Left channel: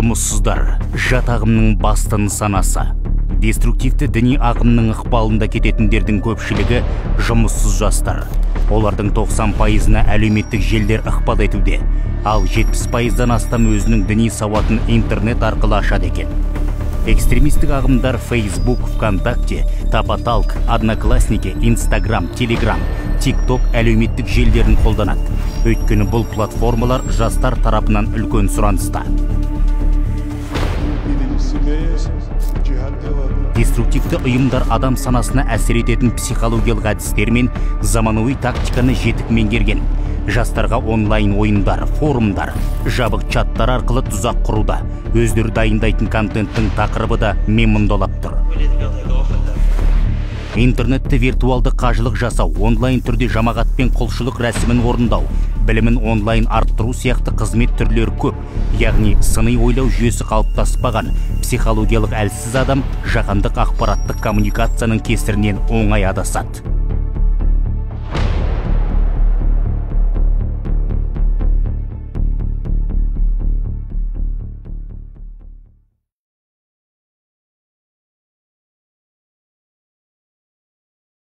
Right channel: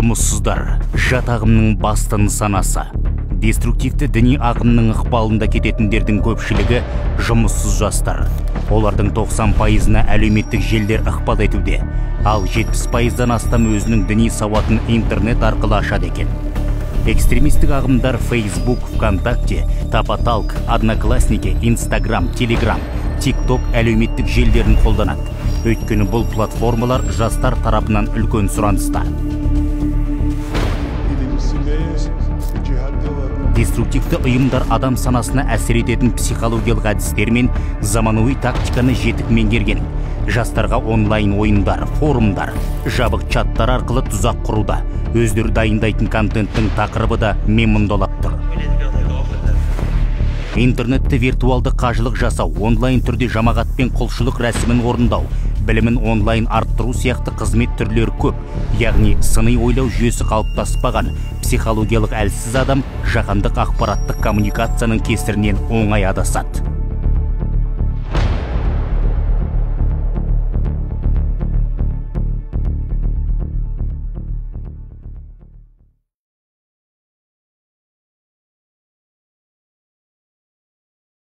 Жұмыссыздар жат ағымның басты нысанасы. Деструктивті діни ағымның ықпалында кететіндердің көпшілігі жұмыссыз жастар. Олардың 90%-на әлеуметтік желдер ықпал етуде, ал 70%-дан астам өзінің діни сауатын интернет арқылы ашады екен. Экстремистік ағымдар Facebook, ВКонтакте, Тапаталк, Одноклассники, Инстаграм, Телеграм, ТикТок әлеуметтік желдерін қолданады. Өйткені бұл платформалар жастар тарапынан үлкен сұраныста. Деструктивті ұйымдар адам санасына әсер ететін психологиялық әдістер мен заманауи тактиканы жетік меңгерген. Жастарға онлайн ойындар, форумдар, жабық чаттар арқылы тұзақ құруда. Өздері дайындайтын контенттің тақырыбы да мемондалап тұр. Интернетті виртуалды қажылық жасау, онлайн түрде жамағатпен құлшылық рәсімін орындау, білімін онлайн арттыру сияқты қызмет түрлері көп. Яғни сыни ойлау жүйесі қалыптаспаған психологиялық әлсіз адам жаһандық ақпараттық коммуникацияның кесірінен оңай адасады.